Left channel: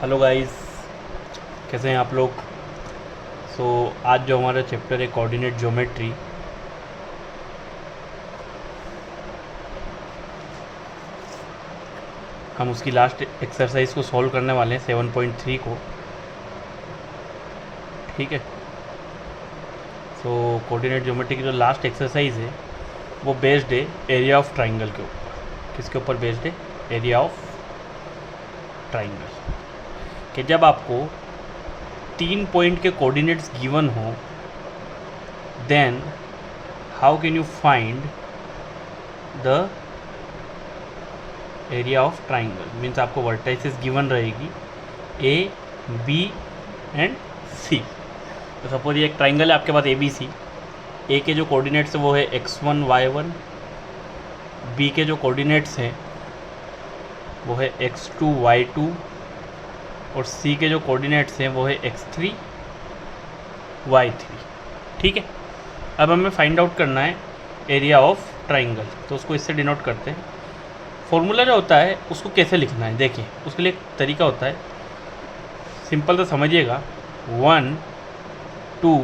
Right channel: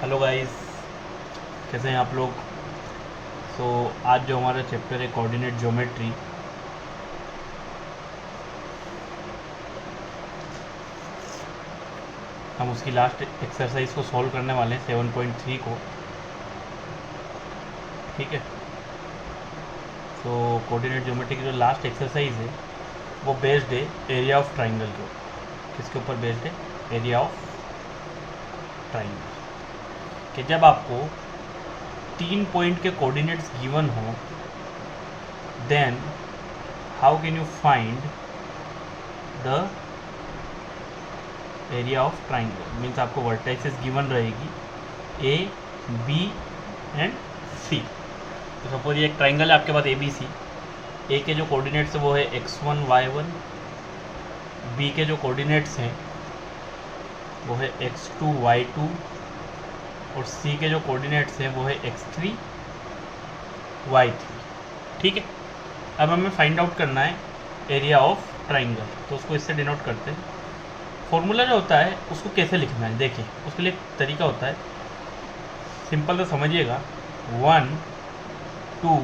Hello guys, कैसे हैं आप लोग। आज जो हमारा चैप्टर है कोऑर्डिनेट ज्योमेट्री, हम उसकी लास्ट एक्सरसाइज को सॉल्व करने वाले हैं 7.3 को। ठीक है। कोऑर्डिनेट ज्योमेट्री की जो लास्ट एक्सरसाइज है वो बेस्ड है एरिया ऑफ ट्राइंगल के ऊपर। किसके ऊपर बेस्ड है? Area of triangle. कि जब आपको 3 पॉइंट के कोऑर्डिनेट्स गिवन हो, then how can you find the area of triangle. Means आपको वर्टाइसेस गिवन रहेगी ए, बी एंड सी। तो सपोज ये एक ट्राइंगल है आपके पास ए बी सी। ए के जो कोऑर्डिनेट्स है वो है x1 y1, बी के जो कोऑर्डिनेट्स हैं वो है x2 y2 और सी के जो कोऑर्डिनेट्स हैं वो है x3 y3। ठीक है। अब हमें फाइंड आउट करना है एरिया ऑफ ट्राइंगल, तो उसको इससे डिनोट करते हैं। फॉर्मूला जो होता है उसको कैसे लिखना है, देखिए उसके लिए एक तरीका होता है, सिंपल तो समझिएगा। 1 2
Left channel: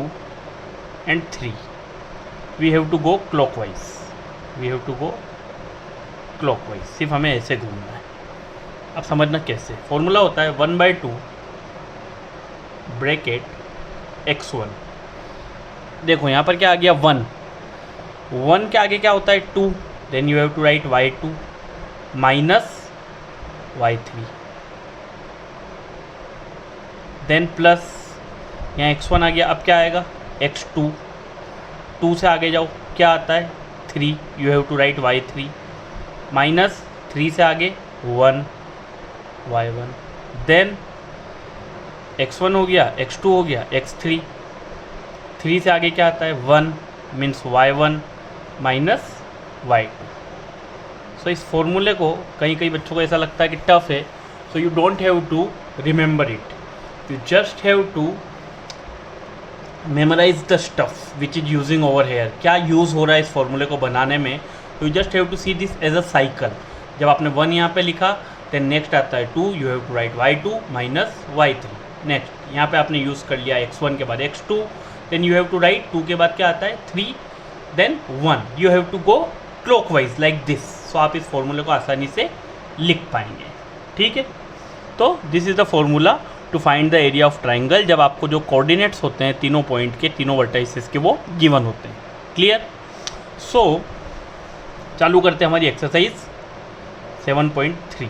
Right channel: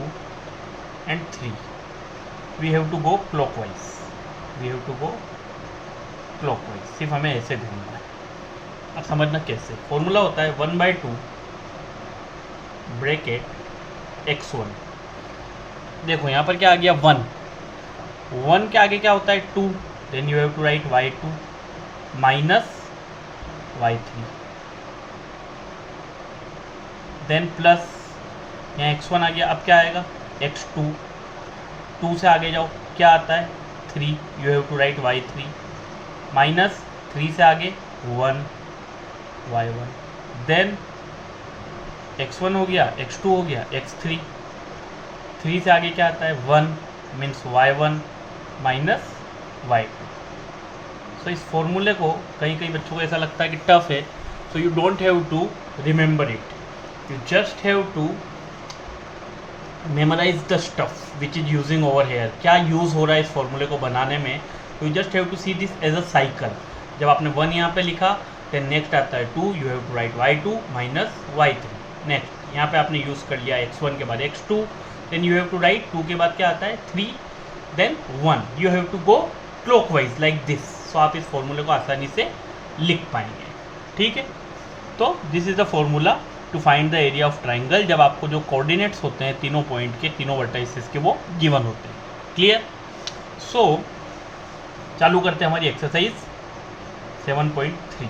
and 3 we have to go clockwise, सिर्फ हमें ऐसे घूमना है। अब समझना कैसे। फॉर्मूला होता है 1/2 ब्रैकेट x1। देखो यहाँ पर क्या आ गया 1 के आगे क्या होता है 2, then you have to write y2 minus y3, then plus यहाँ x1 आ गया। अब क्या आएगा x2, 2 से आगे जाओ क्या आता है 3, you have to write y3 minus 3 से आगे 1 y1, देन x1 हो गया, x2 हो गया, x3, 3 से आगे क्या आता है 1 मीन्स y1 माइनस y2। सो इस फॉर्मूले को कई बच्चों को ऐसा लगता है कि टफ है, so you don't have to remember it, you just have to memorise the stuff which is using over here. क्या यूज़ हो रहा है इस फॉर्मूले को बनाने में, you just have to see this as a cycle. जब आपने 1 यहाँ पे लिखा, देन नेक्स्ट आता है 2, you have to write y2 minus y3। Next यहाँ पे आपने यूज़ कर लिया x1 के बाद x2, then you have to write 2 के बाद क्या आता है 3, then 1, you have to go clockwise like this. So आप इस फॉर्मूले को आसानी से लिख पाएंगे। ठीक है। तो this is the formula to find the area of triangle, जब आपको जो कोऑर्डिनेट्स होते हैं तीनों पॉइंट के, तीनों वर्टाइसेस के, वो गिवन होते हैं। क्लियर। सो चालू करते हैं हमारी एक्सरसाइज 7.3।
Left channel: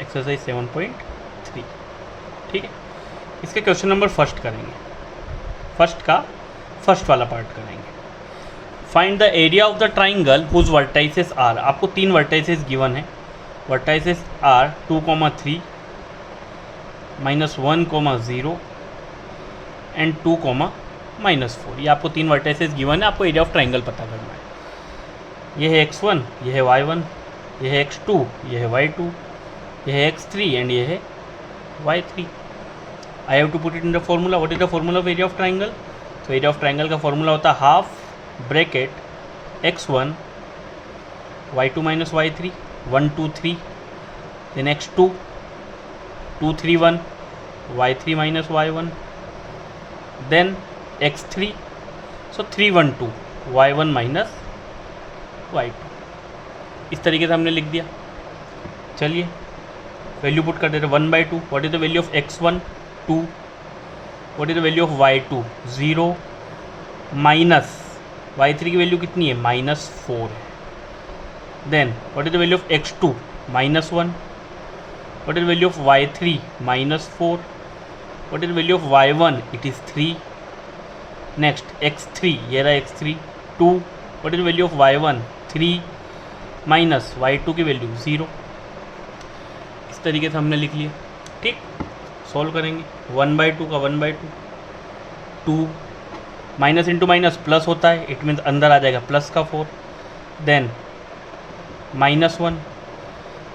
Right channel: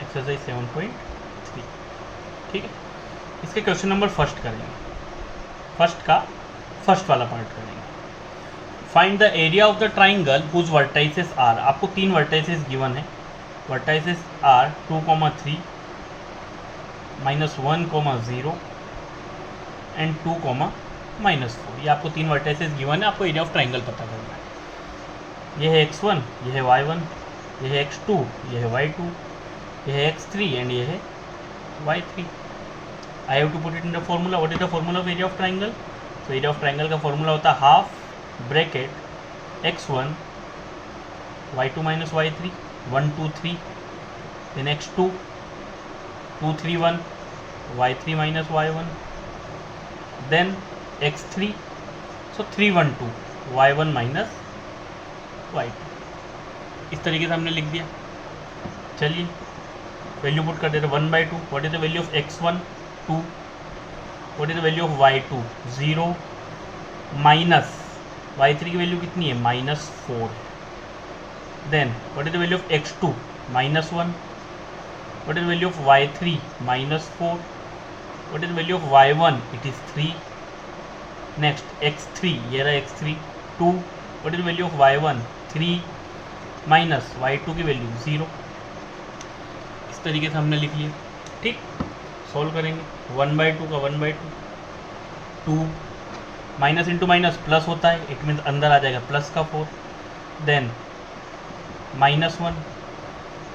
एक्सरसाइज 7.3। ठीक है। इसके क्वेश्चन नंबर फर्स्ट करेंगे, फर्स्ट वाला पार्ट करेंगे। Find the area of the triangle whose vertices are. आपको 3 वर्टाइसेस गिवन है। Vertices are 2,3 -1, 0 and 2, -4। ये आपको 3 वर्टाइसेस गिवन है। आपको एरिया ऑफ ट्राइंगल पता करना है। ये है x1, ये है y1, ये है x2, ये है y2, ये है x3 एंड ये है y3। I have to put it in the formula. What is the formula of area of triangle? तो एरिया ऑफ ट्राइंगल का फॉर्मूला होता है half bracket x1 y2 minus y3 1 2 3, then x2 2 3 1 y3 minus y1, then x3 so 3 1 2 y1 minus y2। इस तरीके से हमने लिख दिया। चलिए वैल्यू पुट कर देते। 1/2 what is the value of x1 2, what is the value of y2 0, minus y3 की वैल्यू कितनी है -4 है। Then what is the value of x2 -1, what is the value of y3 -4, what is the value of y1 it is 3। Next x3, ये रहा x3 2, what is the value of y1 3 minus y2 की value 0। इस तरीके से हमने लिख लिया। ठीक। सॉल्व करेंगे। 1/2 का 1/2, 2 माइनस इंटू माइनस प्लस होता है, इट मीन्स अंदर आ जाएगा प्लस का 4, देन -1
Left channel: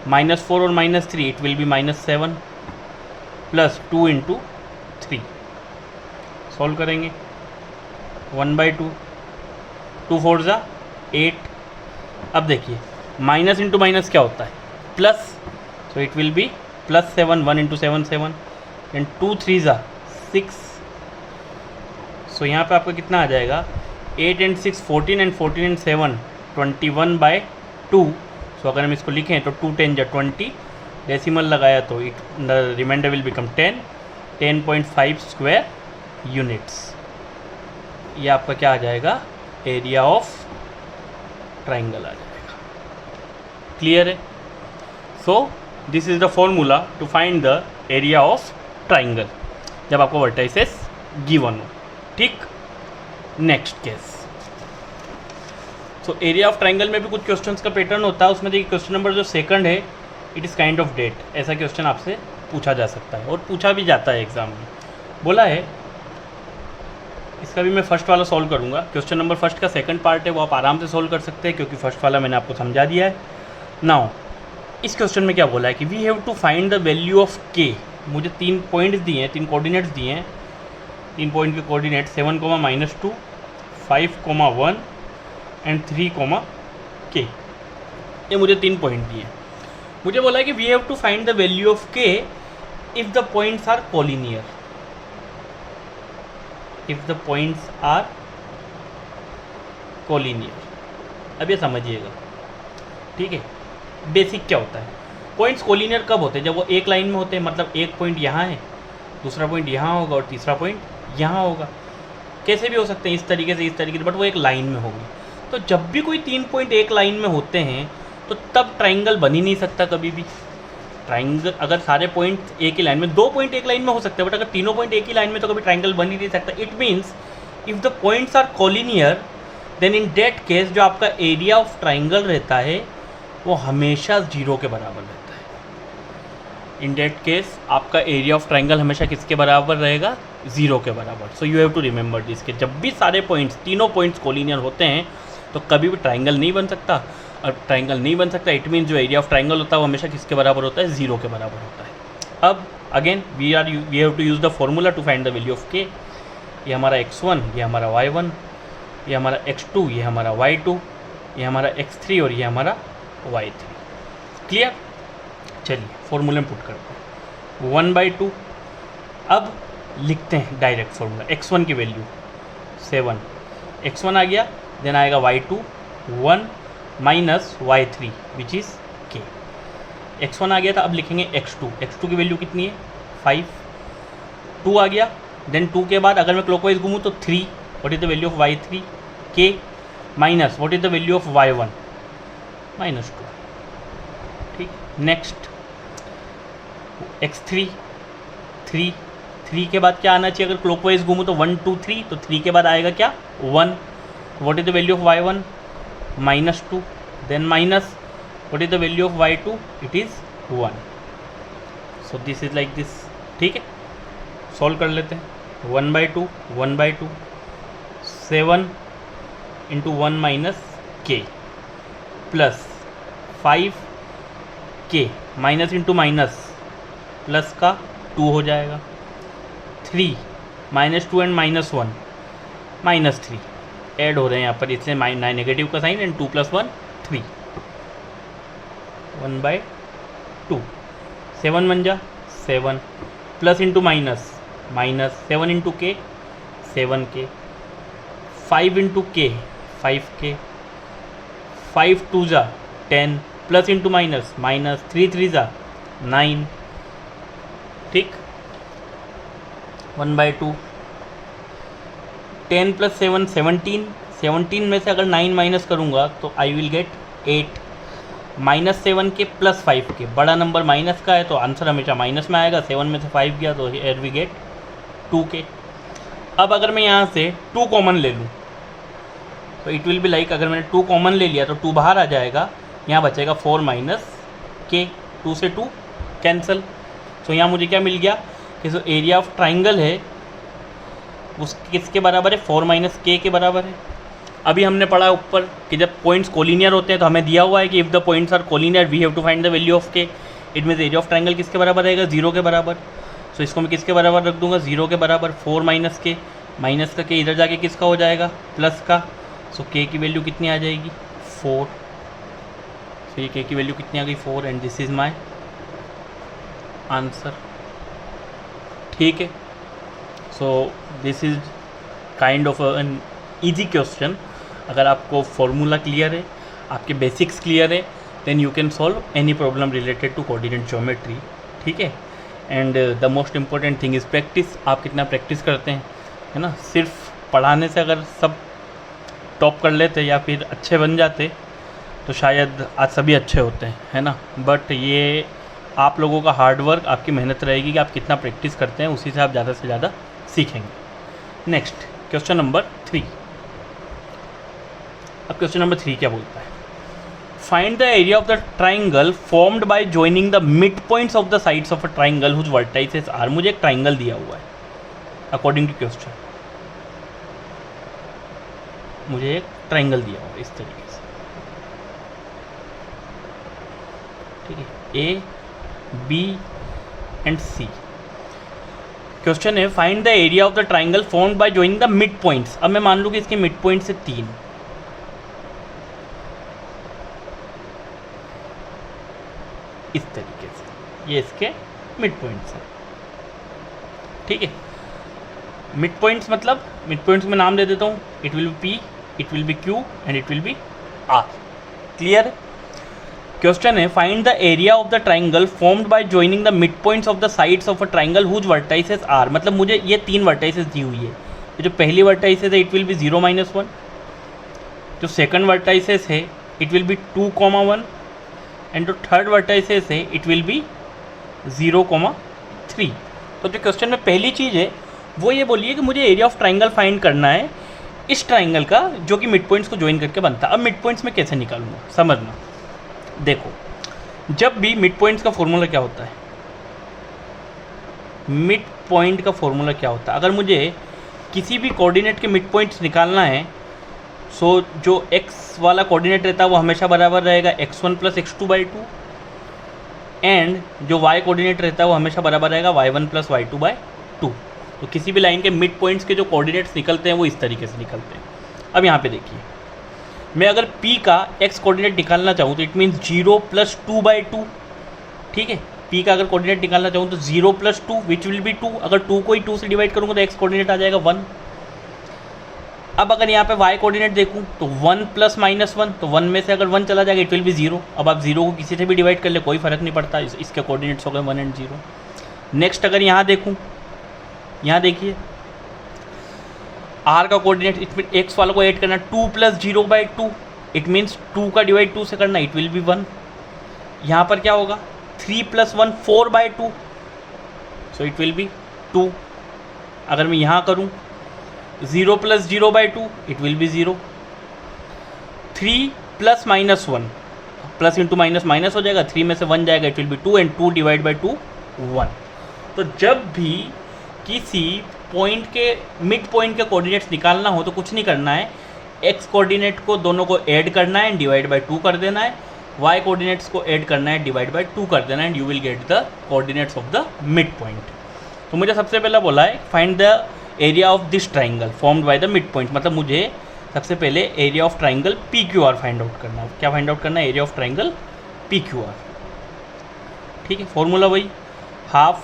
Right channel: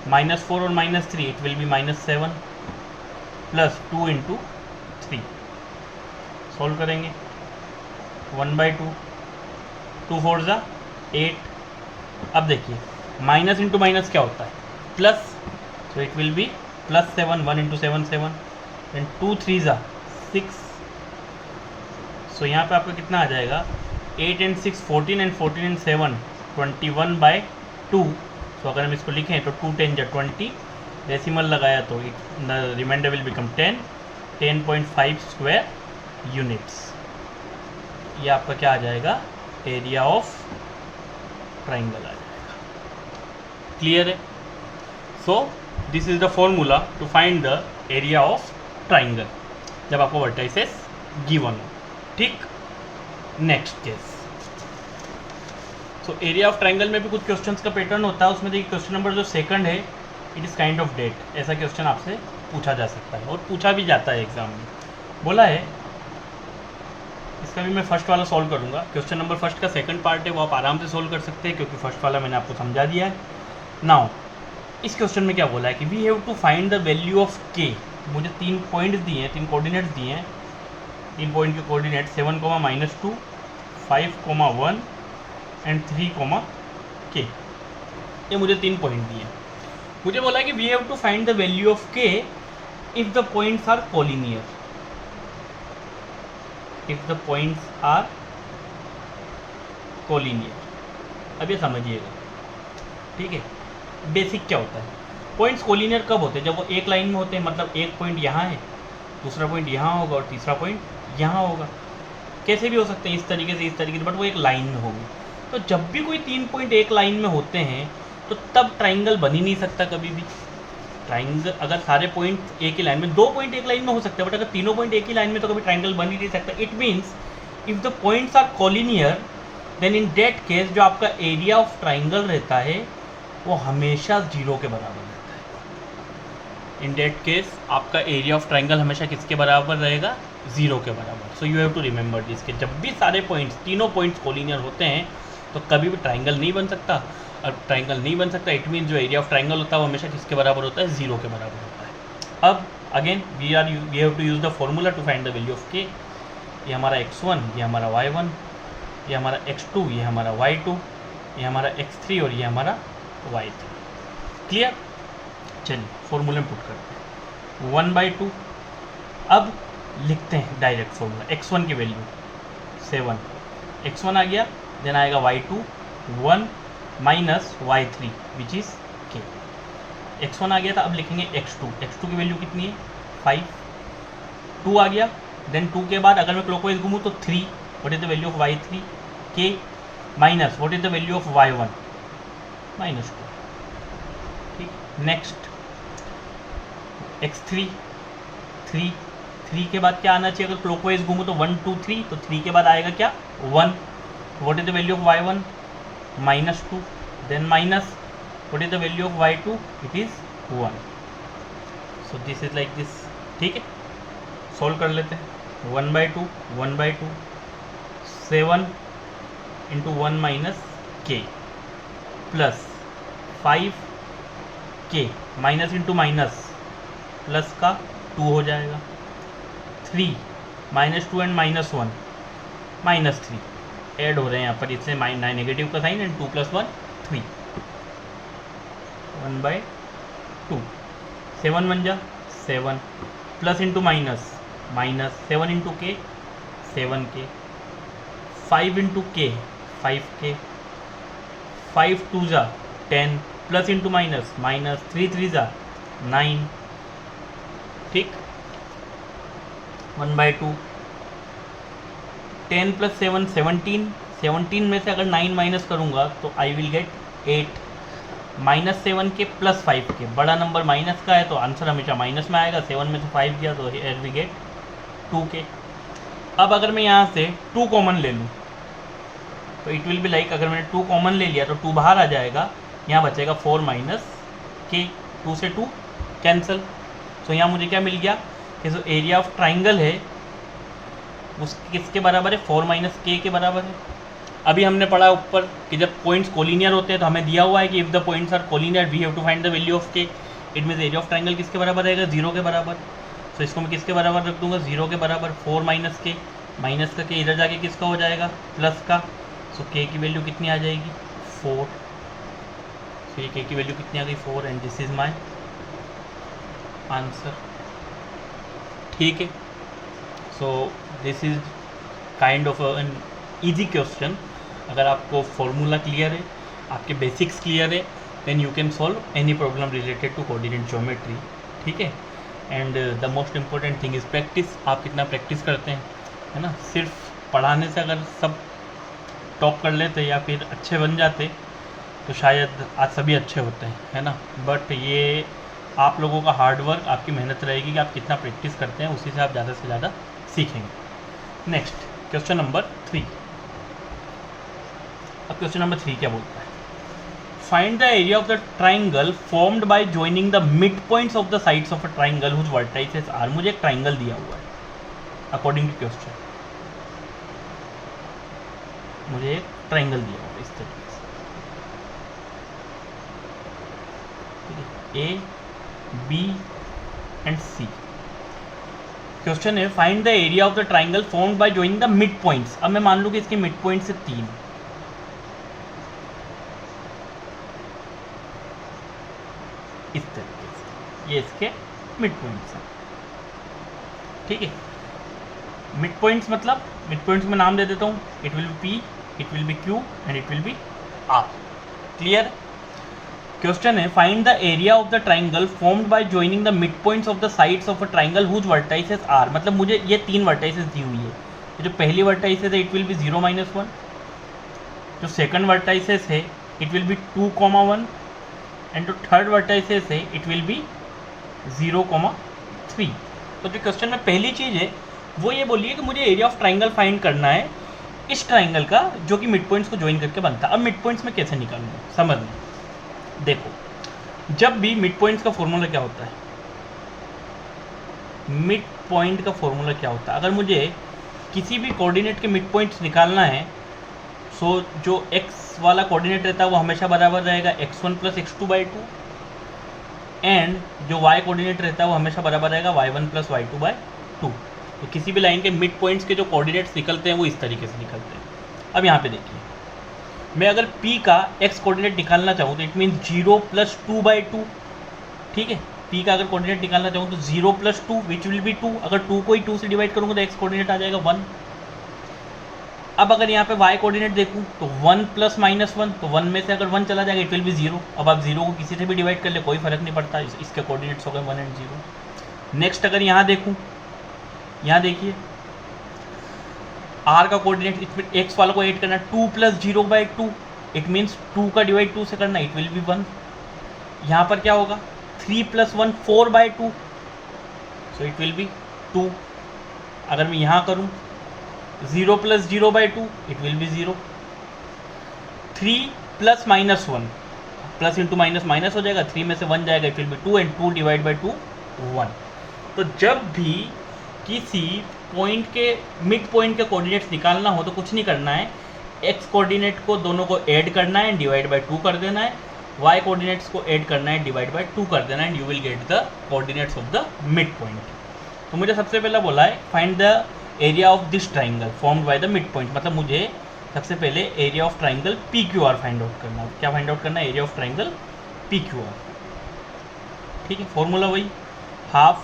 -4 और -3 it will be -7 plus 2 into 3। Solve करेंगे। 1/2, 2 4 ज़ा 8। अब देखिए माइनस इंटू माइनस क्या होता है plus, so it will be +7, 1 into 7 7 and 2 3 ज़ा 6। सो यहाँ पे आपका कितना आ जाएगा 8 and 6 14 and 14 and 7 21/2। सो अगर हम इसको लिखें तो 2 10 जा 20, डेसिमल लगाया तो the reminder will become 10, 10.5 square units. ये आपका क्या आ जाएगा एरिया ऑफ ट्राइंगल आ जाएगा। क्लियर है? So this is the formula to find the area of triangle जब आपको वर्टाइसेस गिवन हो। ठीक, next case. So area of triangle में भी कुछ क्वेश्चंस का पैटर्न होता है। उसमें देखिए क्वेश्चन नंबर जो सेकंड है, it is kind of date. ऐसा क्वेश्चन आपसे पूछा जा सकता है और पूछा भी जाता है एग्जाम में। बोला है, इसका भी मैं फर्स्ट वाला सॉल्व करूंगा। क्वेश्चन नंबर फर्स्ट का सेकंड पार्ट है, वो आप आराम से सॉल्व कर सकते हैं क्योंकि फर्स्ट वाला मैंने आपको समझा दिया है। नाउ इस क्वेश्चन में क्या बोला है कि we have to find the value of K. मुझे 3 पॉइंट्स दिए हैं, 3 कोऑर्डिनेट्स दिए हैं। 3 पॉइंट के कोऑर्डिनेट 7, -2, 5, 1 एंड 3, के। ये मुझे 3 पॉइंट दिए हैं। मुझे बोला है कि we have to find the value of k if the points are collinear. If the points are collinear. अब ये समझिएगा, ठीक है। बेसिक क्या होता है, पॉइंट्स कोलिनियर कब होते हैं? जब वो एक लाइन में होते हैं, मतलब एक पॉइंट यहाँ है, दूसरा पॉइंट यहाँ होगा और तीसरा पॉइंट यहाँ होगा। कैसे भी हो सकते हैं, इस तरीके से, बट वो एक लाइन में होगी। तो जब भी कोई 3 पॉइंट एक लाइन में होते हैं तो तब ट्राइंगल बन ही नहीं सकता कभी भी। ट्राइंगल अगर सारे पॉइंट एक ही लाइन में, 2 पॉइंट एक लाइन में हो सकते हैं, बट अगर तीनों पॉइंट एक ही लाइन में तो कभी ट्राइंगल बन ही नहीं सकता। It means if the points are collinear then in that case जो आपका एरिया ऑफ ट्राइंगल रहता है वो हमेशा 0 के बराबर रहता है। इन दैट केस आपका एरिया ऑफ ट्राइंगल हमेशा किसके बराबर रहेगा? 0 के बराबर। So you have to remember this कि जब भी सारे पॉइंट्स, तीनों पॉइंट्स कोलिनियर होते हैं तो कभी भी ट्राइंगल नहीं बन सकता। और ट्राइंगल नहीं बन सकता, इट मीन्स जो एरिया ऑफ ट्राइंगल होता है वो हमेशा किसके बराबर होता है? 0 के बराबर होता है। अब again we have to use the formula to find the value of K. ये हमारा x1, ये हमारा y1, ये हमारा x2, ये हमारा y2, ये हमारा x3 और ये हमारा y3। क्लियर? चलिए फॉर्मूले में पुट करते हैं 1/2। अब लिखते हैं डायरेक्ट फॉर्मूला। x1 की वैल्यू 7, x1 आ गया, देन आएगा y2 1 minus y3 which is k। x1 आ गया था, अब लिखेंगे x2। x2 की वैल्यू कितनी है? 5। 2 आ गया, देन 2 के बाद अगर मैं क्लॉकवाइज घूमूँ तो 3। What is the value of y3? k minus what is the value of y1? -2। ठीक, नेक्स्ट x3 3 के बाद क्या आना चाहिए? अगर क्लॉकवाइज घूमूँ तो 1 2 3, तो 3 के बाद आएगा क्या? 1। What is the value of y1? -2। Then minus what is the value of y2? It is 1। So this is like this. ठीक है, सॉल्व कर लेते हैं। 1/2 1/2 7 into 1 minus k plus 5k minus into minus plus का 2 हो जाएगा। 3 -2 and -1 -3 add हो रहे हैं यहाँ पर, इससे नेगेटिव का साइन एंड 2 + 1 3। 1/2 7 1 जा 7 प्लस इंटू माइनस 7 इंटू के 7k 5 इंटू के 5k 5 2 जा 10 प्लस इंटू माइनस 3 3 जा 9। ठीक, 1/2 10 + 7 17 में से अगर 9 माइनस करूँगा तो I will get 8। -7k plus 5k, बड़ा नंबर माइनस का है तो आंसर हमेशा माइनस में आएगा। 7 में से 5 गया तो हियर वी गेट 2k। अब अगर मैं यहाँ से 2 कॉमन ले लूँ तो इट विल बी लाइक, अगर मैंने 2 कॉमन ले लिया तो 2 बाहर आ जाएगा, यहाँ बचेगा 4 - k। 2 से 2 कैंसिल। तो यहाँ मुझे क्या मिल गया कि जो एरिया ऑफ ट्राइंगल है उस किसके बराबर है? 4 - k के बराबर है। अभी हमने पढ़ा ऊपर कि जब पॉइंट्स कोलिनियर होते हैं तो हमें दिया हुआ है कि if the points are collinear we have to find the value of k। It means area of triangle किसके बराबर रहेगा? 0 के बराबर। तो इसको मैं किसके बराबर रख दूंगा? 0 के बराबर। 4 - k, माइनस का k इधर जाके किसका हो जाएगा? प्लस का। सो k की वैल्यू कितनी आ जाएगी? 4। तो ये k की वैल्यू कितनी आ गई? 4 and this is my answer. ठीक है, so this is kind of an easy question. अगर आपको फॉर्मूला क्लियर है, आपके बेसिक्स क्लियर है, then you can solve any problem related to coordinate geometry. ठीक है, and the most important thing is practice. आप कितना प्रैक्टिस करते हैं, है ना। सिर्फ पढ़ाने से अगर सब टॉप कर लेते या फिर अच्छे बन जाते तो शायद आज सभी अच्छे होते हैं, है ना। बट ये आप लोगों का हार्ड वर्क, आपकी मेहनत रहेगी कि आप कितना प्रैक्टिस करते हैं, उसी से आप ज़्यादा से ज़्यादा सीखेंगे। Next question number 3। अब क्वेश्चन नंबर 3 क्या बोलता है? Find the area of the triangle formed by joining the mid points of the sides of a triangle whose vertices are. मुझे एक ट्राइंगल दिया हुआ है अकॉर्डिंग टू क्वेश्चन, मुझे एक ट्राइंगल दिया हुआ है इस तरीके से, ठीक है, A B and C. Question है find the area of the triangle formed by joining the mid points. अब मैं मान लूँ कि इसके मिड पॉइंट से 3, इस तरीके से ये इसके मिड पॉइंट्स हैं। ठीक है, मिड पॉइंट्स मतलब मिड पॉइंट्स में नाम दे देता हूँ, it will be P, it will be Q and it will be R. Clear? Question है find the area of the triangle formed by joining the mid points of the sides of a triangle whose vertices are. मतलब मुझे ये 3 vertices दी हुई है। ये जो पहली vertices है इट विल बी 0, -1। जो सेकंड वर्टाइसेस है इट विल बी 2, 1 एंड जो थर्ड वर्टाइसेस है इट विल बी 0, 3। तो जो क्वेश्चन में पहली चीज़ है वो ये बोलिए कि मुझे एरिया ऑफ ट्राइंगल फाइंड करना है इस ट्राइंगल का जो कि मिड पॉइंट्स को ज्वाइन करके बनता है। अब मिड पॉइंट्स में कैसे निकालूंगा, समझना। देखो, जब भी मिड पॉइंट्स का फॉर्मूला क्या होता है, मिड पॉइंट का फॉर्मूला क्या होता है, अगर मुझे किसी भी कोऑर्डिनेट के मिड पॉइंट्स निकालना है, सो जो x वाला कोऑर्डिनेट रहता है वो हमेशा बराबर रहेगा x1 + x2/2 एंड जो y कोऑर्डिनेट रहता है वो हमेशा बराबर रहेगा y1 + y2/2। तो किसी भी लाइन के मिड पॉइंट्स के जो कोऑर्डिनेट्स निकलते हैं वो इस तरीके से निकलते हैं। अब यहाँ पे देखिए, मैं अगर p का x कोऑर्डिनेट निकालना चाहूँ तो इट मीन्स 0 + 2/2। ठीक है, p का अगर कोऑर्डिनेट निकालना चाहूँ तो 0 + 2 विच विल बी 2। अगर 2 को ही 2 से डिवाइड करूँगा तो x कोऑर्डिनेट आ जाएगा 1। अब अगर यहाँ पे y कोऑर्डिनेट देखूँ तो 1 + -1, तो 1 में से अगर 1 चला जाएगा इट विल बी 0। अब आप 0 को किसी से भी डिवाइड कर ले, कोई फर्क नहीं पड़ता, इसके कोऑर्डिनेट्स हो गए 1 और 0। नेक्स्ट अगर यहाँ देखूँ, यहाँ देखिए r का कोऑर्डिनेट, इसमें x वाला को ऐड करना 2 + 0/2, इट मीन्स 2 का डिवाइड 2 से करना, इट विल बी 1। यहाँ पर क्या होगा 3 + 1 4/2, सो इट विल बी 2। अगर मैं यहाँ करूँ 0 + 0/2 it will B 0। 3 + -1, plus into minus minus हो जाएगा, 3 में से 1 जाएगा, इट विल बी 2 एंड 2 / 2 1। तो जब भी किसी पॉइंट के मिड पॉइंट के कोऑर्डिनेट्स निकालना हो तो कुछ नहीं करना है, एक्स कोऑर्डिनेट को दोनों को ऐड करना है, डिवाइड बाय 2 कर देना है, वाई कोऑर्डिनेट्स को ऐड करना है, डिवाइड बाय 2 कर देना है, and you will get the coordinates of the mid point. तो मुझे सबसे पहला बोला है find the area of this triangle formed by the mid point, मतलब मुझे सबसे पहले area of triangle P Q R find out करना है। क्या फाइंड आउट करना है? Area of triangle P Q R. ठीक है, फॉर्मूला वही, half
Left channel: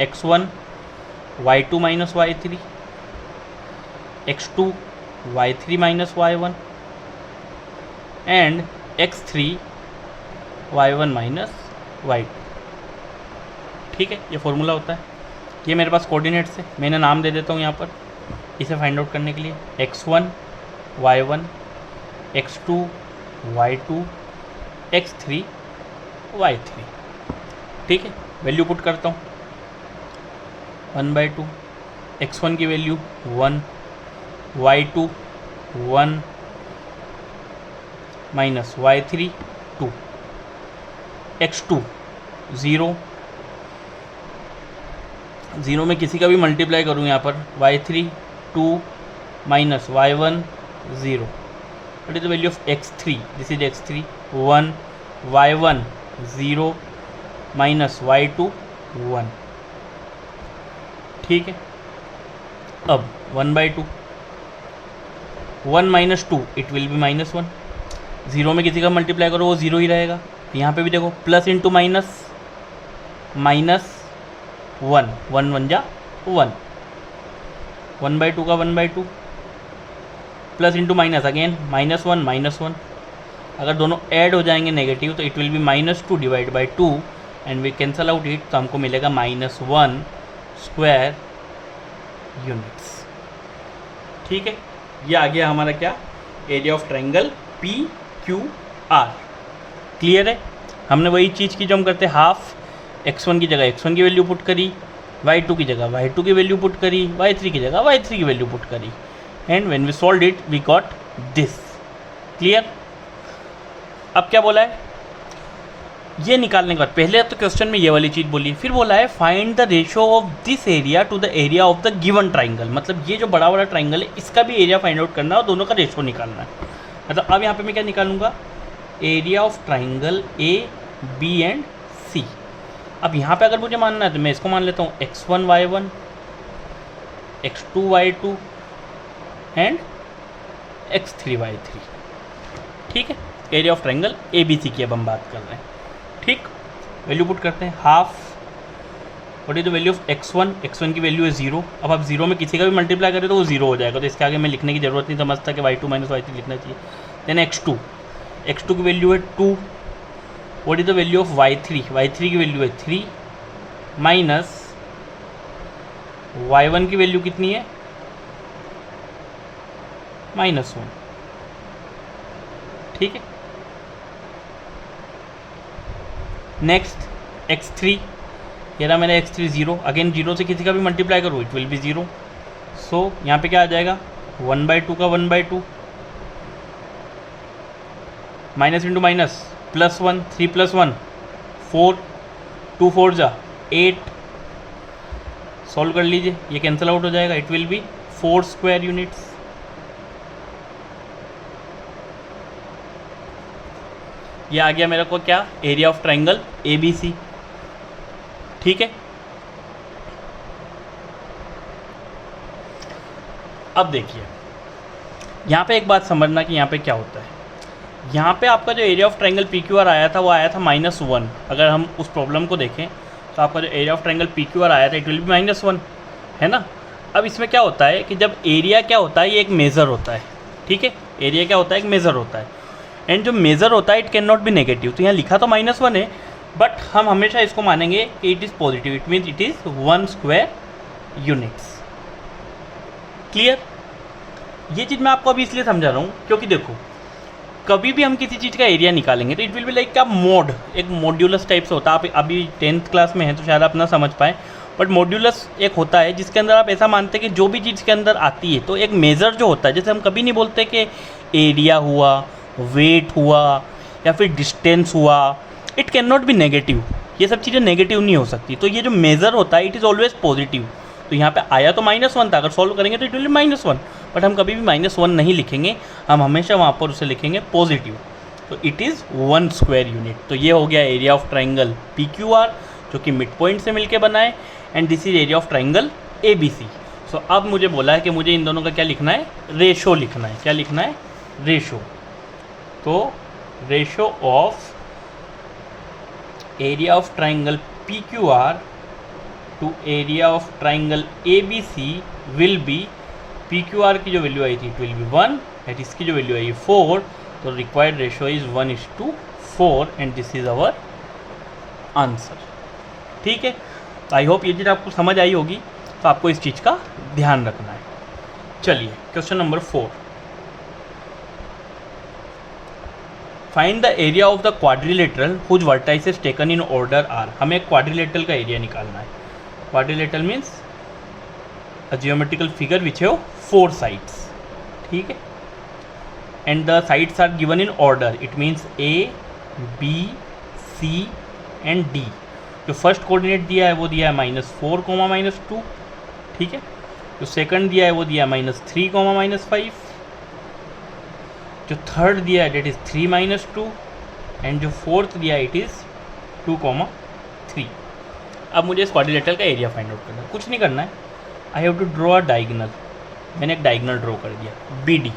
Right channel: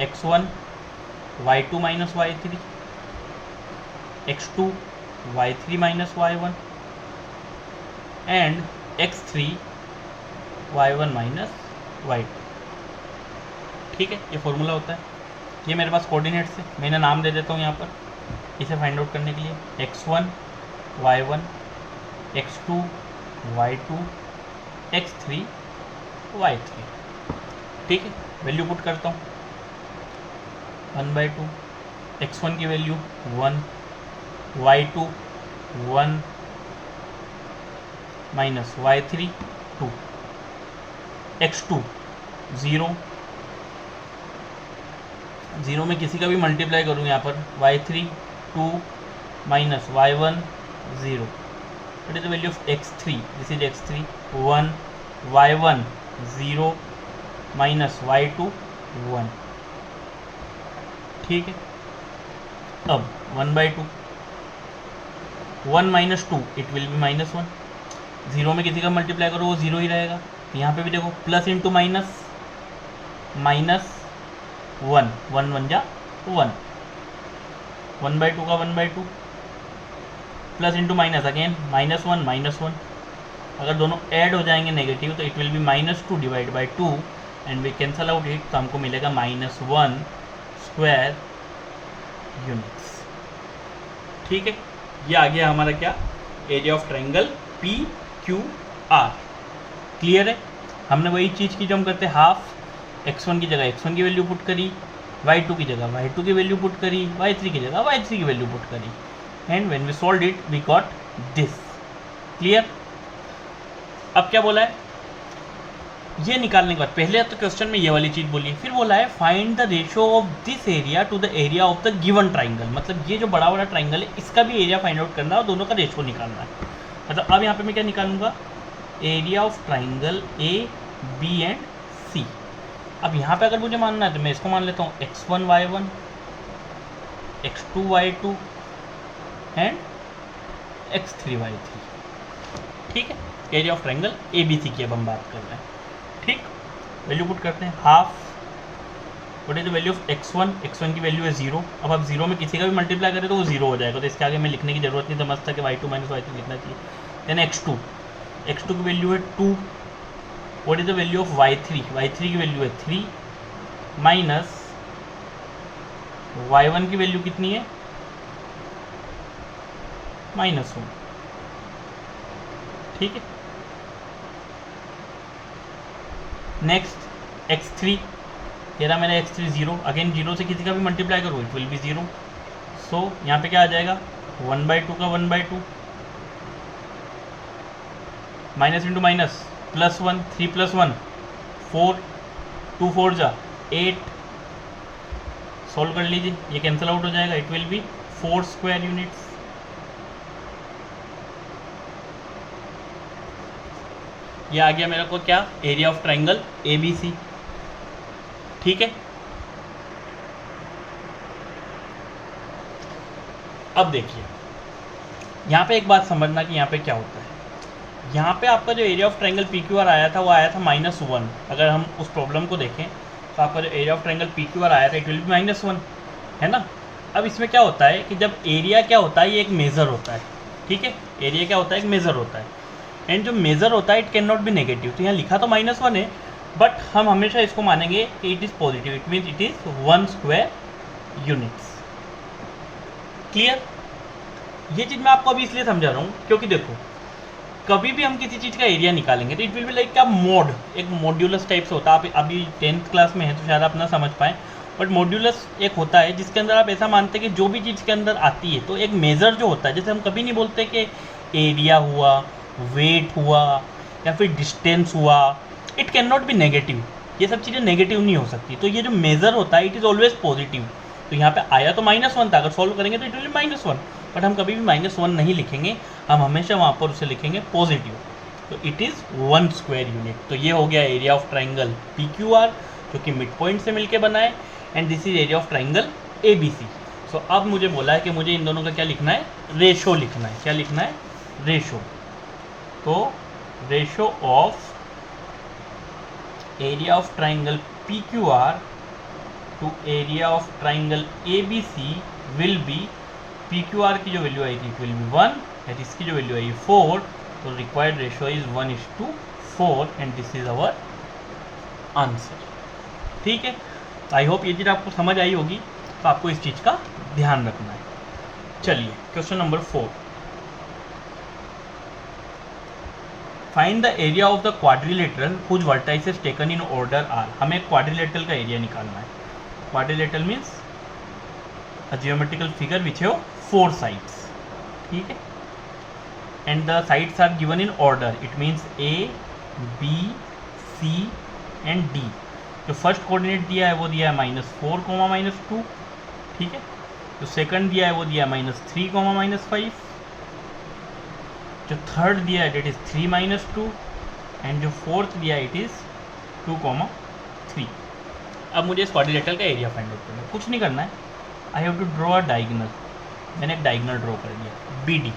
x1 y2 - y3 x2 y3 - y1 and x3 y1 - y2। ठीक है, ये फॉर्मूला होता है। ये मेरे पास कोऑर्डिनेट्स है, मैंने नाम दे देता हूँ यहाँ पर इसे फाइंड आउट करने के लिए, x1 y1 x2 y2 x3 y3। ठीक है, वैल्यू पुट करता हूँ 1/2, x1 की value 1, y2 1 minus y3 2, x2 0, 0 में किसी का भी मल्टीप्लाई करूँ यहाँ पर, y3 2 minus y1 0। What is the value of x3? This is x3 1, y1 0 minus y2 1। ठीक है, अब 1/2, 1 - 2 इट विल बी -1। 0 में किसी का मल्टीप्लाई करो वो 0 ही रहेगा। यहाँ पे भी देखो प्लस इंटू माइनस, -1, 1 1 जा 1, 1/2 का 1/2 प्लस इंटू माइनस अगेन -1 -1, अगर दोनों ऐड हो जाएंगे नेगेटिव तो it will be -2 divide by 2 and we cancel out it, तो हमको मिलेगा -1 स्क्वायर यूनिट्स। ठीक है, ये आ गया हमारा क्या, area of triangle PQR। Clear है, हमने वही चीज़ की जो हम करते हैं, हाफ x1 की जगह x1 की वैल्यू पुट करी, y2 की जगह y2 की वैल्यू पुट करी, y3 की जगह y3 की वैल्यू पुट करी, and when we solve it we got this. Clear. अब क्या बोला है, ये निकालने के बाद पहले तो क्वेश्चन में ये वाली चीज़ बोली, फिर बोला है find the ratio of this area to the area of the given triangle. मतलब ये जो बड़ा बड़ा ट्राइंगल है इसका भी एरिया फाइंड आउट करना है और दोनों का रेशियो निकालना है। मतलब अब यहाँ पे मैं क्या निकालूंगा, area of triangle AB and C। अब यहाँ पे अगर मुझे मानना है तो मैं इसको मान लेता हूँ x1 y1, x2 y2 and x3 y3। ठीक है, एरिया ऑफ ट्राइंगल ABC की अब हम बात कर रहे हैं। ठीक, वैल्यू पुट करते हैं, half what is the value of x1, x1 की वैल्यू है 0। अब आप 0 में किसी का भी मल्टीप्लाई करें तो वो 0 हो जाएगा, तो इसके आगे मैं लिखने की जरूरत नहीं समझता कि y2 - y3 लिखना चाहिए। देन x2, x2 की वैल्यू है 2, what is the value of y3, y3 की वैल्यू है 3 माइनस y1 की वैल्यू कितनी है, -1। ठीक है, नेक्स्ट x3, ये रहा मेरा x3 0, अगेन 0 से किसी का भी मल्टीप्लाई करो इट विल बी 0। सो यहाँ पे क्या आ जाएगा, 1/2 का 1/2 माइनस इंटू माइनस +1, 3 + 1 4, 2 4 जा 8। सॉल्व कर लीजिए, ये कैंसिल आउट हो जाएगा, it will B 4 square units. ये आ गया मेरे को क्या, एरिया ऑफ ट्राइंगल ABC। ठीक है, अब देखिए यहाँ पे एक बात समझना कि यहाँ पे क्या होता है। यहाँ पे आपका जो एरिया ऑफ ट्राइंगल PQR आया था वो आया था -1। अगर हम उस प्रॉब्लम को देखें तो आपका जो एरिया ऑफ ट्राइंगल PQR आया था इट विल बी -1, है ना। अब इसमें क्या होता है कि जब एरिया क्या होता है, ये एक मेज़र होता है। ठीक है, एरिया क्या होता है, एक मेज़र होता है, एंड जो मेज़र होता है it can not be negative. तो यहाँ लिखा तो -1 है, बट हम हमेशा इसको मानेंगे कि it is positive, it means it is 1 square units. Clear. ये चीज़ मैं आपको अभी इसलिए समझा रहा हूँ क्योंकि देखो, कभी भी हम किसी चीज़ का एरिया निकालेंगे तो इट विल बी लाइक क्या, मोड, एक मॉड्यूलस टाइप से होता है। आप अभी 10th क्लास में हैं तो शायद आप ना समझ पाएँ, बट मॉड्यूलस एक होता है जिसके अंदर आप ऐसा मानते हैं कि जो भी चीज़ के अंदर आती है तो एक मेज़र जो होता है, जैसे हम कभी नहीं बोलते कि एरिया हुआ, वेट हुआ या फिर डिस्टेंस हुआ, it can not be negative. ये सब चीज़ें नेगेटिव नहीं हो सकती। तो ये जो मेज़र होता है इट इज़ ऑलवेज पॉजिटिव। तो यहाँ पे आया तो -1 था, अगर सॉल्व करेंगे तो इट विल बी -1, बट हम कभी भी -1 नहीं लिखेंगे, हम हमेशा वहाँ पर उसे लिखेंगे पॉजिटिव। तो इट इज़ 1 स्क्वायर यूनिट। तो ये हो गया एरिया ऑफ ट्राइंगल PQR जो कि मिड पॉइंट से मिलके बना है, and this is area of triangle ABC। सो अब मुझे बोला है कि मुझे इन दोनों का क्या लिखना है, रेशो लिखना है। क्या लिखना है, रेशो। तो ratio of area of triangle PQR to area of triangle ABC will be, PQR की जो वैल्यू आई थी इट विल बी 1, एंड इसकी जो वैल्यू आई 4, तो required ratio is 1:4, and this is our answer. ठीक है, आई होप ये चीज़ आपको समझ आई होगी, तो आपको इस चीज़ का ध्यान रखना है। चलिए question number 4, find the area of the quadrilateral whose vertices taken in order are. हमें एक क्वाड्रिलेटरल का एरिया निकालना है। Quadrilateral means a geometrical figure which have 4 sides. ठीक है, and the sides are given in order, it means A, B, C and D। जो first coordinate दिया है वो दिया है -4, -2। ठीक है, जो सेकंड दिया है वो दिया है -3, -5। जो थर्ड दिया है डेट इज़ 3 - 2, एंड जो फोर्थ दिया है इट इज़ 2, 3। अब मुझे इस क्वाड्रिलेटरल का एरिया फाइंड आउट करना है। कुछ नहीं करना है, I have to draw a diagonal. मैंने एक डायगोनल ड्रॉ कर दिया BD।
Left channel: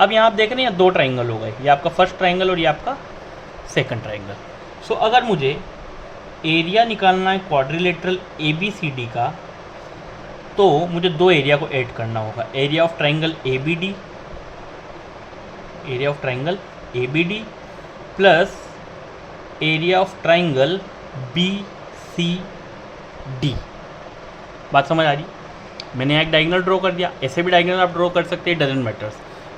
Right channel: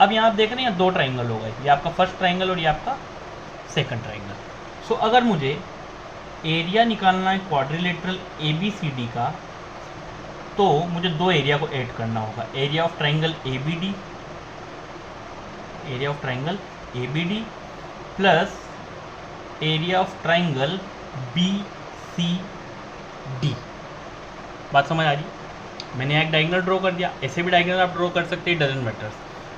अब यहाँ आप देख रहे हैं 2 ट्राइंगल हो गए, ये आपका फर्स्ट ट्राइंगल और ये आपका सेकंड ट्राइंगल। सो अगर मुझे एरिया निकालना है क्वाड्रिलेटरल ABCD का, तो मुझे दो एरिया को ऐड करना होगा, area of triangle ABD plus area of triangle BCD। बात समझ आ रही? मैंने यहाँ एक डायगोनल ड्रॉ कर दिया, ऐसे भी डायगोनल आप ड्रॉ कर सकते हैं, डजंट मैटर्स।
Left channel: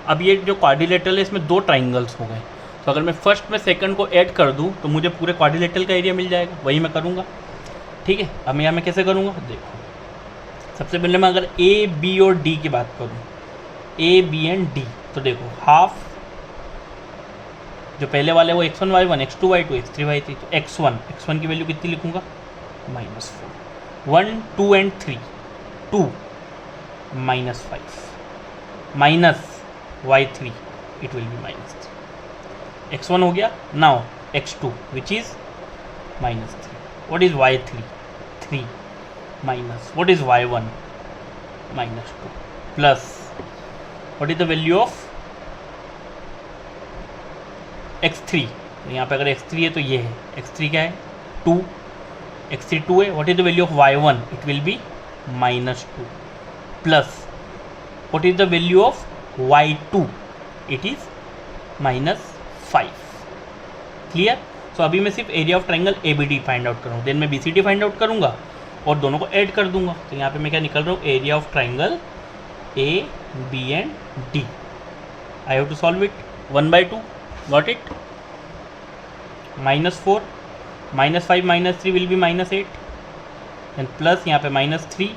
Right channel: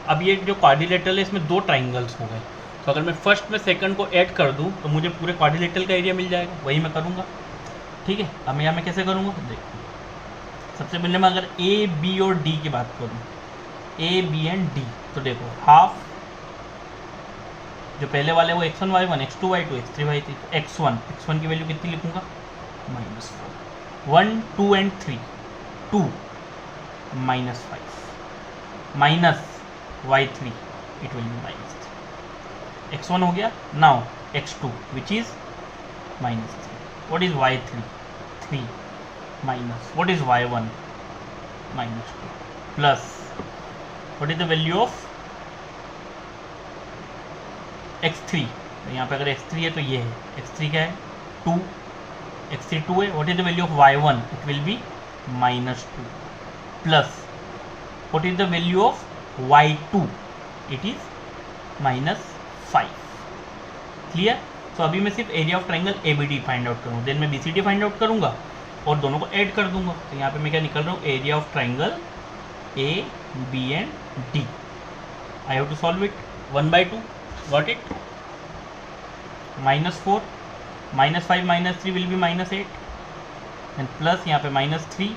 अब ये जो क्वाड्रिलेटरल है इसमें दो ट्राइंगल्स हो गए, तो अगर मैं फर्स्ट में सेकंड को ऐड कर दूँ तो मुझे पूरे क्वाड्रिलेटरल का एरिया मिल जाएगा, वही मैं करूँगा। ठीक है, अब मैं यहाँ मैं कैसे करूँगा देखो। सबसे पहले मैं अगर A, B और D की बात करूँ, A, B एंड D, तो देखो हाफ जो पहले वाले वो x1 y1 x2 y2 x3 y3, तो x1 की वैल्यू कितनी लिखूँगा -4, 1 2 and 3 2 -5 minus y3 it will be -3, x1 हो गया। Now x2 which is -3, what is y3 3 minus what is y1 -2 plus what is the value of x3, तो यहाँ पे अगर x3 है तो ये है x3 क्या है 2, x3 2 है। What is the value of y1, it will be -2 plus what is the value of y2, it is -5। Clear? So अभी मैं सिर्फ area of triangle ABD find out करूँगा, देन मैं BCD फाइंड आउट करूँगा और दोनों को ऐड कर दूंगा। तो यहाँ पे मैं क्या निकल रहा हूँ, area of triangle AB and D। I have to solve it 1/2, got it. -4 -5 -3 will be -8 and plus यहाँ पे -3,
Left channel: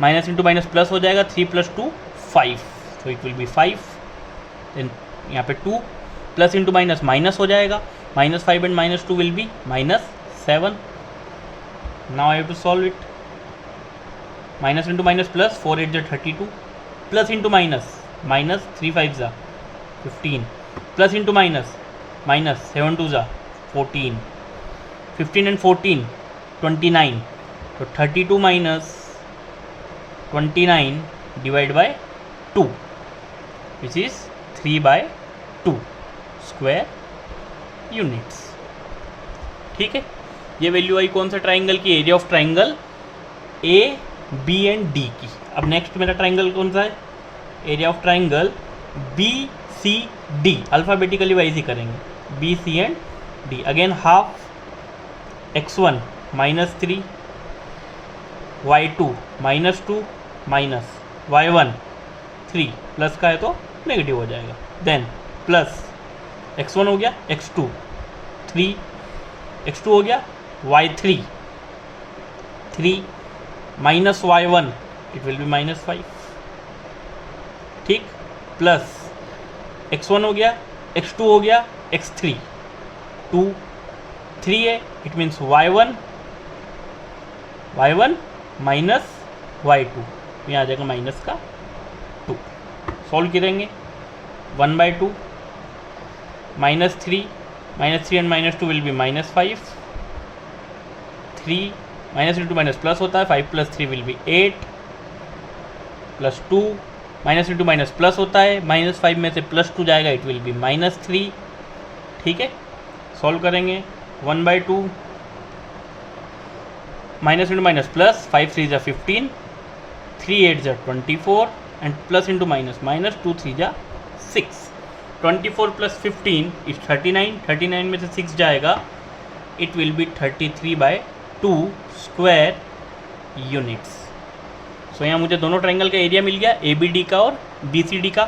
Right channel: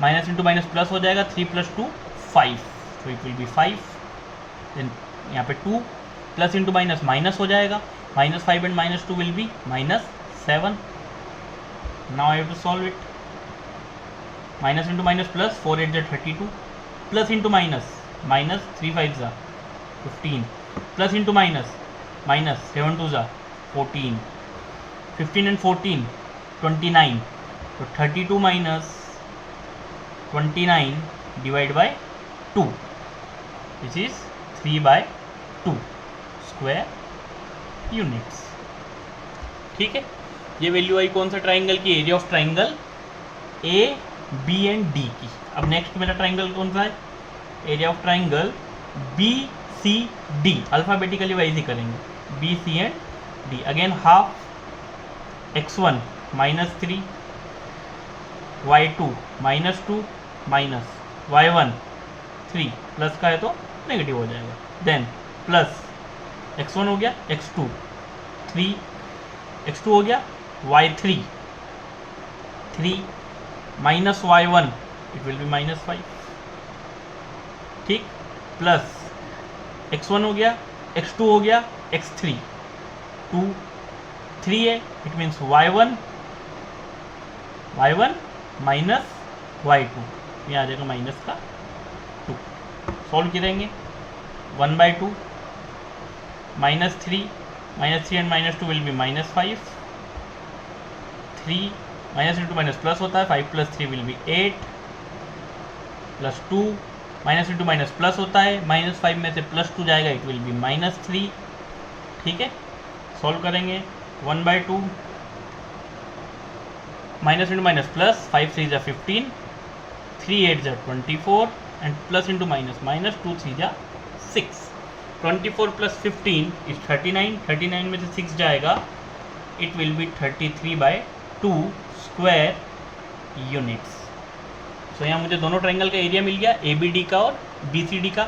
माइनस इंटू माइनस प्लस हो जाएगा, 3 + 2 5, तो इट विल बी 5। देन यहाँ पे 2 प्लस इंटू माइनस माइनस हो जाएगा, -5 and -2 will be -7। Now I have to solve it. Minus into minus plus, 4 8 = 32, plus into minus minus 3 5 = 15, plus into minus minus 7 2 = 14, 15 and 14 29, तो 32 minus 29 divide by 2 which is 3/2 square units. ठीक है, ये value आई कौन सा ट्राइंगल की, area of triangle AB and D की। अब नेक्स्ट मेरा ट्राइंगल कौन सा है, area of triangle BCD, alphabetically wise ही करेंगे, BC and D। Again half x1 -3, y2 -2 minus y1 3, plus का है तो नेगेटिव हो जाएगा। देन प्लस x1 हो गया, x2 3, x2 हो गया, y3 3 minus y1 it will B -5। ठीक, प्लस x1 हो गया, x2 हो गया, x3 2 3 है, it means y1 minus y2, यहाँ आ जाएगा माइनस का 2। सॉल्व करेंगे 1/2, -3 and -2 will B -5, 3 minus into minus plus होता है, 5 + 3 will be 8, plus 2 minus into minus plus होता है, -5 में से +2 जाएगा, इट विल बी -3। ठीक है, सॉल्व करेंगे 1/2, minus into minus plus, 5 3 = 15, 3 8 = 24 and plus into minus minus 2 3 = 6, 24 + 15 is 39, 39 में से 6 जाएगा, it will be 33/2 square units. So यहाँ मुझे दोनों ट्राइंगल का एरिया मिल गया, ABD का और BCD का।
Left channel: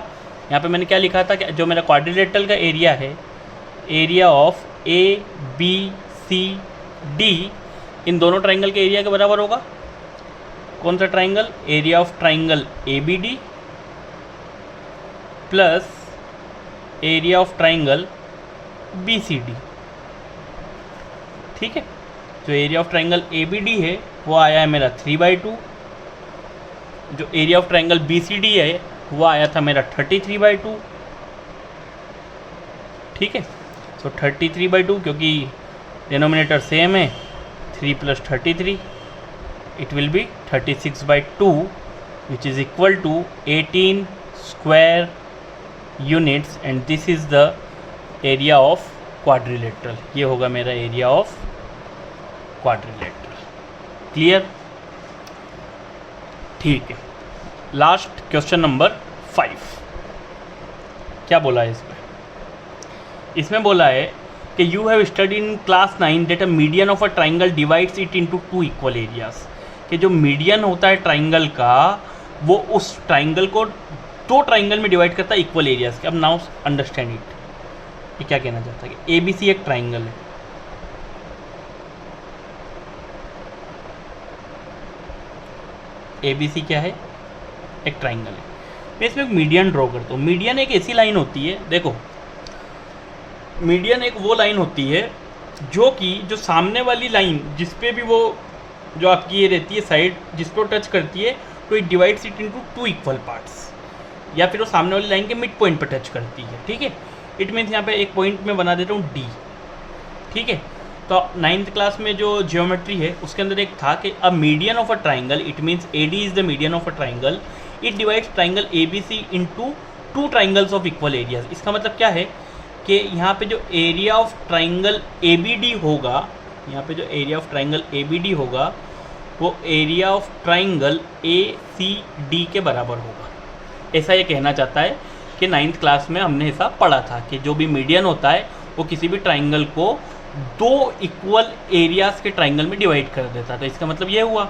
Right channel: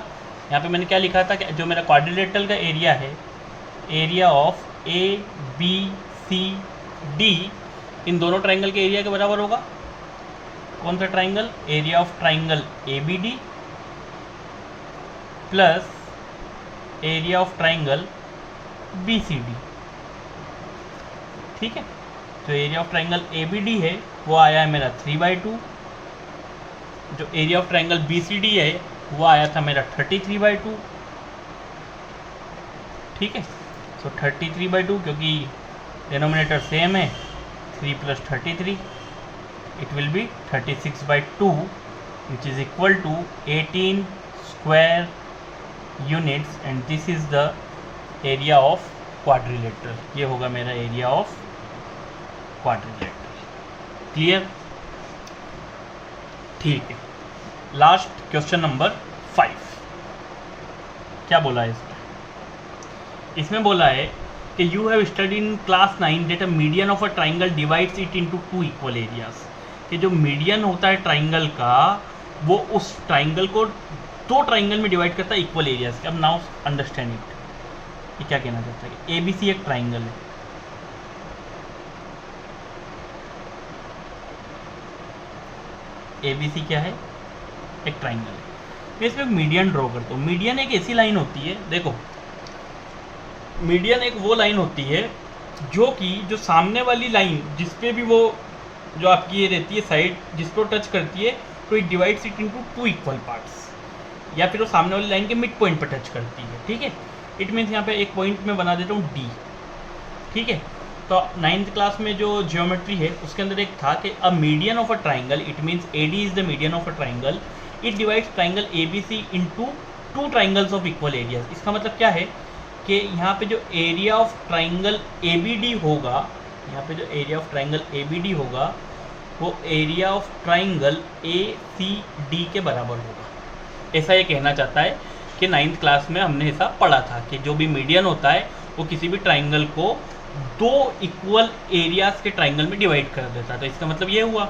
यहाँ पे मैंने क्या लिखा था कि जो मेरा क्वाड्रिलेटरल का एरिया है, एरिया ऑफ ABCD इन दोनों ट्राइंगल के एरिया के बराबर होगा। कौन सा triangle, area of triangle ABD plus area of triangle BCD। ठीक है, जो एरिया ऑफ ट्राइंगल ABD है वो आया है मेरा 3/2, जो एरिया ऑफ ट्राइंगल BCD है वो आया था मेरा 33/2। ठीक है, सो 33/2 क्योंकि डिनोमिनेटर सेम है, 3 + 33 it will be 36/2 which is equal to 18 square units and this is the area of quadrilateral. ये होगा मेरा एरिया ऑफ क्वाड्रिलेटरल। क्लियर? ठीक है, लास्ट क्वेश्चन नंबर 5। क्या बोला है इसमें? इसमें बोला है कि you have study in class 9 that a median of a triangle divides it into 2 equal areas. कि जो मीडियन होता है ट्राइंगल का, वो उस ट्राइंगल को 2 ट्राइंगल में डिवाइड करता है इक्वल एरियाज के। अब नाउ अंडरस्टैंड इट, ये क्या कहना चाहता है कि ABC एक ट्राइंगल है, ABC क्या है? एक ट्राइंगल है। मैं इसमें एक मीडियन ड्रॉ करता हूँ। मीडियन एक ऐसी लाइन होती है, देखो मीडियन एक वो लाइन होती है जो सामने वाली लाइन जिस पे भी वो जो आपकी ये रहती है साइड जिस पर टच करती है, तो it divides it into 2 equal parts, या फिर वो सामने वाली लाइन के मिड पॉइंट पर टच करती है। ठीक है, इट मीन्स यहाँ पे एक पॉइंट में बना देता हूँ D। ठीक है, तो 9th क्लास में जो जियोमेट्री है उसके अंदर एक था कि a median of a triangle, it means AD is the median of a triangle, it divides triangle ABC into 2 triangles of equal areas. इसका मतलब क्या है कि यहाँ पे जो एरिया ऑफ ट्राइंगल ABD होगा, यहाँ पे जो एरिया ऑफ ट्राइंगल ABD होगा वो एरिया ऑफ ट्राइंगल ACD के बराबर होगा। ऐसा ये कहना चाहता है कि 9th क्लास में हमने ऐसा पढ़ा था कि जो भी मीडियन होता है वो किसी भी ट्राइंगल को 2 इक्वल एरियाज के ट्राइंगल में डिवाइड कर देता था। इसका मतलब ये हुआ।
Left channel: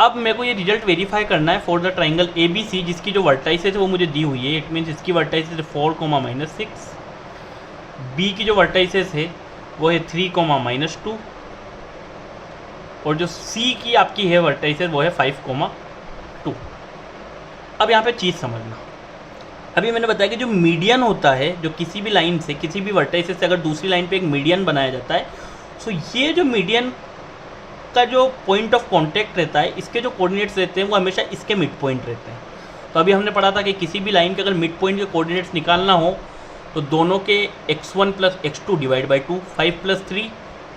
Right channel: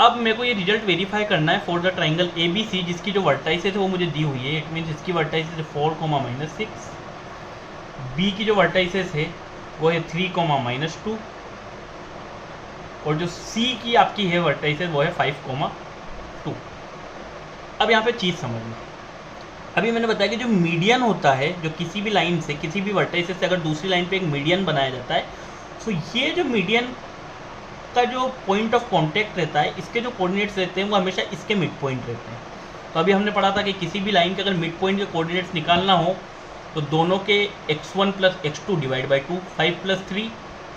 अब मेरे को ये रिजल्ट वेरीफाई करना है फॉर द ट्राइंगल ABC जिसकी जो वर्टाइसेस है वो मुझे दी हुई है। इट मीन्स इसकी वर्टाइसेस 4, B की जो वर्टाइसेस है वो है 3, -2, और जो C की आपकी है वर्टाइसेस वो है 5, 2। अब यहाँ पे चीज़ समझना, अभी मैंने बताया कि जो मीडियन होता है, जो किसी भी लाइन से किसी भी वर्टाइसेस से अगर दूसरी लाइन पे एक मीडियन बनाया जाता है, सो ये जो मीडियन का जो पॉइंट ऑफ कांटेक्ट रहता है, इसके जो कोऑर्डिनेट्स रहते हैं वो हमेशा इसके मिड पॉइंट रहते हैं। तो अभी हमने पढ़ा था कि किसी भी लाइन के अगर मिड पॉइंट के कोऑर्डिनेट्स निकालना हो तो दोनों के x1 + x2 divide by 2, 5 + 3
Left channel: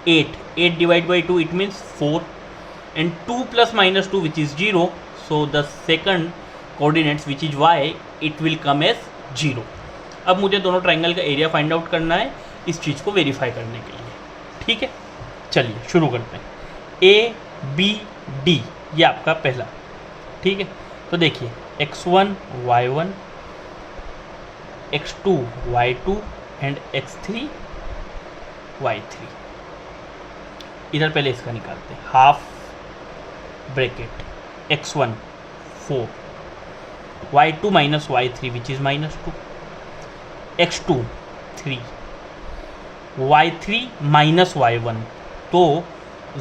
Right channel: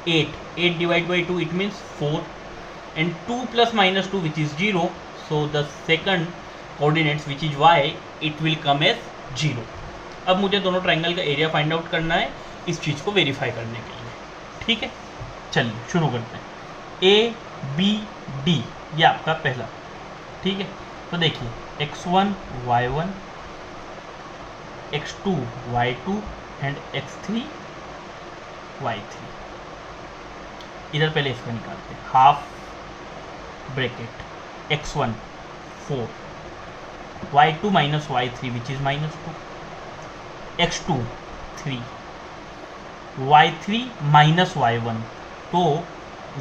8 divide by 2 it means 4, and 2 ± -2 which is 0, so the second coordinates which is y it will come as 0। अब मुझे दोनों ट्राइंगल का एरिया फाइंड आउट करना है इस चीज़ को वेरीफाई करने के लिए। ठीक है, चलिए शुरू करते हैं। ABD ये आपका पहला। ठीक है, तो देखिए x1 y1, x2 y2 and x3 y3। इधर पहले इसका निकालते हैं। Half bracket x1 4, y2 - y3 which is -2, x2 3, y3 - y1, तो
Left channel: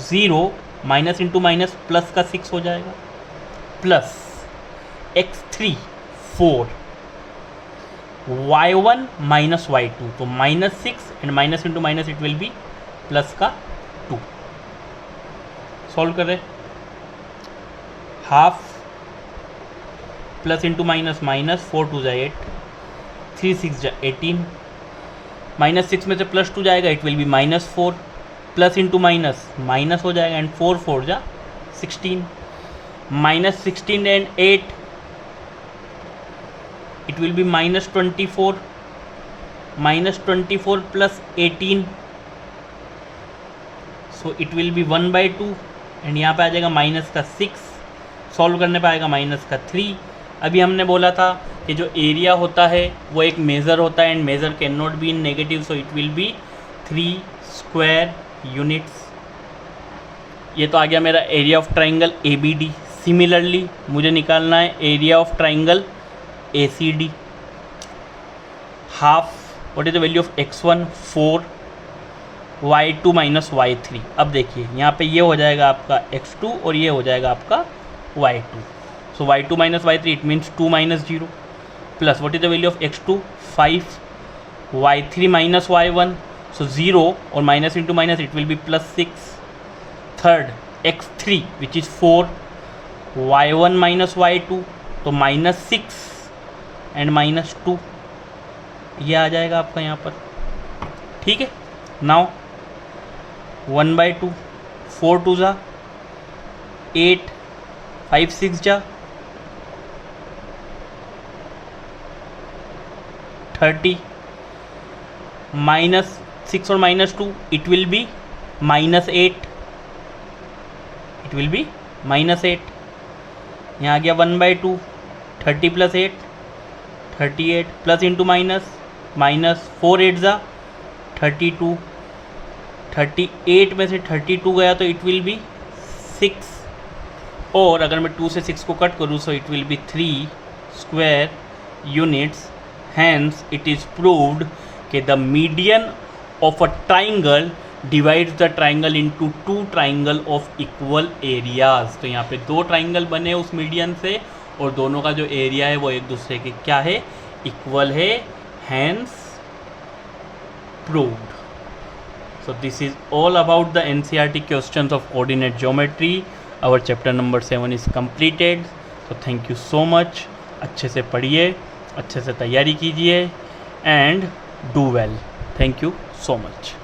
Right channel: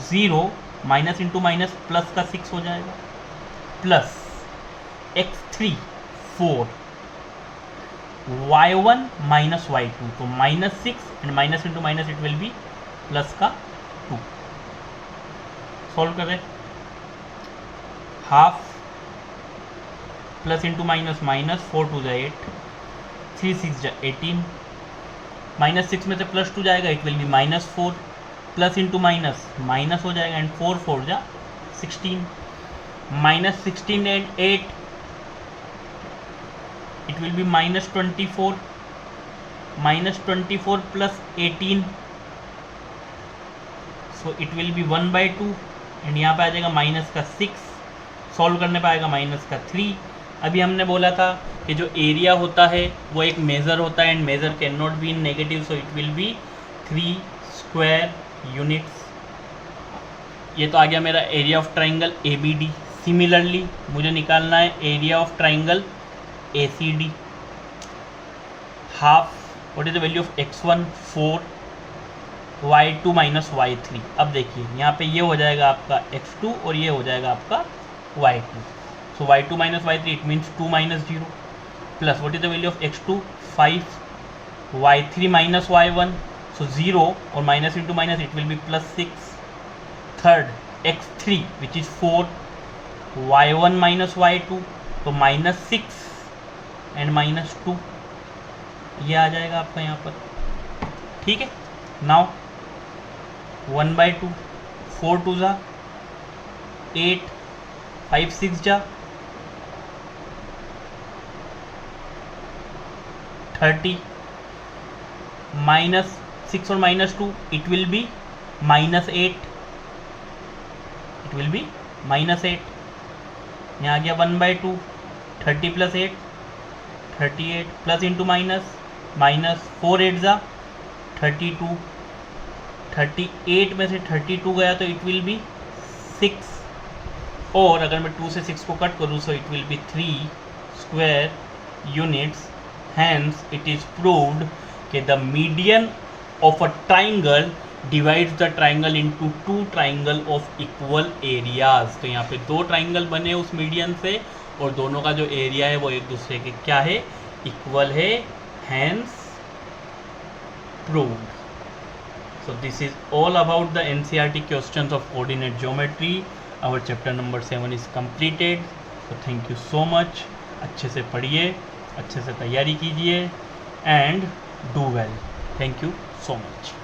0 माइनस इंटू माइनस प्लस का 6 हो जाएगा, प्लस x3 4, y1 - y2, तो -6 and minus into minus it will B plus का 2। सॉल्व कर रहे, half plus into minus minus, 4 2 = 8, 3 6 = 18, -6 में से +2 जाएगा it will B -4, plus into minus minus हो जाएगा and 4 4 = 16, -16 and 8 it will B -24, -24 + 18, so it will B 1/2, and यहाँ पे आ जाएगा माइनस का 6, सॉल्व करने पे आएगा माइनस का 3। अभी हमने बोला था कि जो एरिया होता है वो एक मेज़र होता है and measure can not be in negative, so it will be 3 square units. ये तो आ गया मेरा area of triangle ABD। Similarly मुझे निकालना है area of triangle ACD। Half, what is the value of x1 4, y2 - y3। अब देखिए यहाँ पे ये हो जाएगा आपका x2 और ये हो जाएगा आपका y2, so y2 - y3 it means 2 - 0, plus what is the value of x2 5, y3 - y1, so 0 और minus into minus it will B +6, third x3 which is 4, y1 - y2, तो -6 एंड -2 ये आ जाएगा आपका यहाँ पर। ठीक है, नाउ 1/2, 4 2 = 8, 5 6 = 30, -6 और -2 it will be -8, it will be -8. यहाँ आ गया 1/2, 30 + 8 38, प्लस इंटू माइनस, -4 8 ज़ा 32, 38 में से 32 गया तो इट विल बी 6, और अगर मैं 2 से 6 को कट करूँ so it will be 3 square units. Hence it is proved कि the median of a triangle divides the triangle into 2 triangle of equal areas. तो यहाँ पे 2 ट्राइंगल बने उस मीडियन से, और दोनों का जो एरिया है वो एक दूसरे के क्या है, इक्वल है. Hence proved. So this is all about the NCERT questions of coordinate geometry. Our chapter number 7 is completed. So thank you so much. अच्छे से पढ़िए, अच्छे से तैयारी कीजिए, and do well. Thank you so much.